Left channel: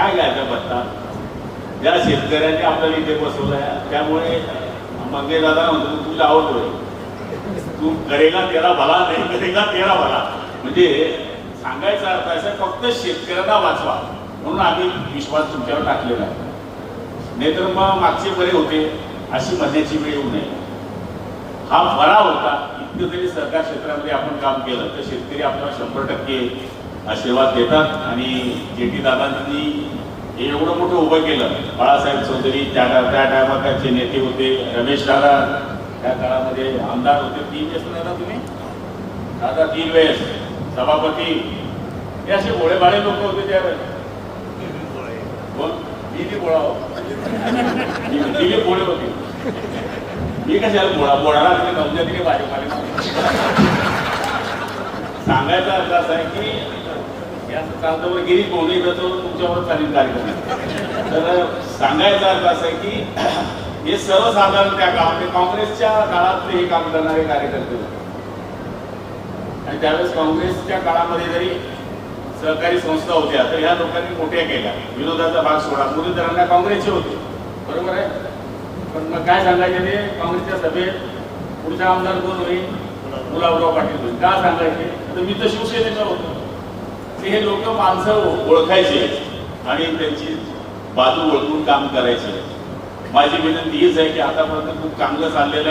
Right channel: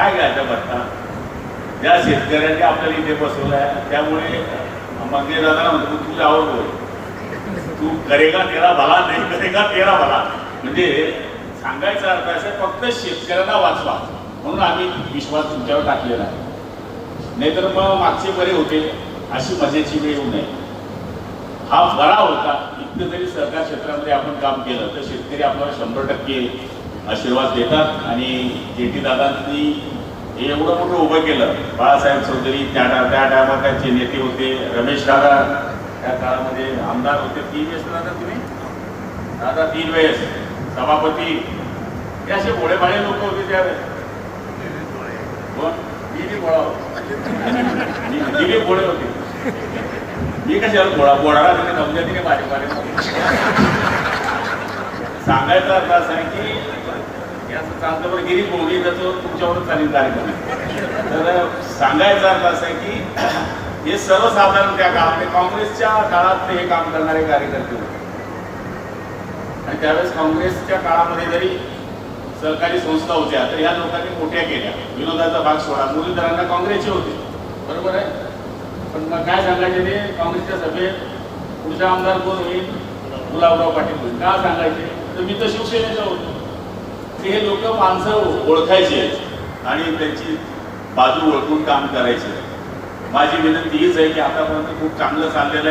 काय घ्यायचा पत्ता ज्या शेतकऱ्यांनी आपल्याला इथे बसवलाय त्यामुळे मग ते दादा म्हणतो तुझा आवडतोय तू करेगा तेरा भला नाही करेगा तेरा भला म्हणजे सांगायचा अर्थ असं फक्त शेतकऱ्यांना वाचवा म्हणून आम्ही विश्वास तुमच्यावर टाकलेला आहे. नाहीतर मग मागचे बरे होते अशी म्हणण्याची वेळ येऊ नये. हा बरा होता. इतकं जरी सरकार क्षेत्रामध्ये आपण काम केलं तर शेतकरी आपल्याला 100% आशीर्वाद देतात. आणि जेटी दादांनी हे एवढं मोठं उभं केलं. बाळासाहेब चौधरी त्या टायमात त्यांचे नेते होते. रमेश दादा त्या काळामध्ये आमदार होते. 3 वेळेस दादा तुम्ही दादा 3 वेळेस सभापती हे असे भोळेभाळे लोक होते त्यावेळेस. मी बोळा मी भोळे होते. मी कशाला बोळाला तिने नवत्या तिने भाजपाने सांगायचा अर्थ असा आहे की याचं चालतं गिरीश भोगी त्याचं तुमच्यावर चालेल कार्यक्रम. तर सांगायचा अर्थ असा आहे की हे सर्वसाधारण त्या काळामध्ये काँग्रेसच्या काळातले हे काम करणारे कार्यकर्ते होते. आणि त्यावेळेस काँग्रेसच्या काळामध्ये जरी सहकारी संस्था होत्या तर या लोकांनी मोठ्या केल्या. विनोदाचा भाग सोडा मुरलीधरांना काँग्रेसचे होते बरोबर आहे. पण मग काय सांगायचे ते काँग्रेसच्या सभेत पुढचा आमदार कोण होईल गुलाबराव पाटील होईल का सांगायचे. तर मी तर शिवसेनेचा होतो. हे लोक माणसं ओळखायचे आणि त्यांची बाजू ओळखून काम करायचे. माझी विनंती हीच आहे की आतापर्यंत खूप चांगलं चाललेलं आहे.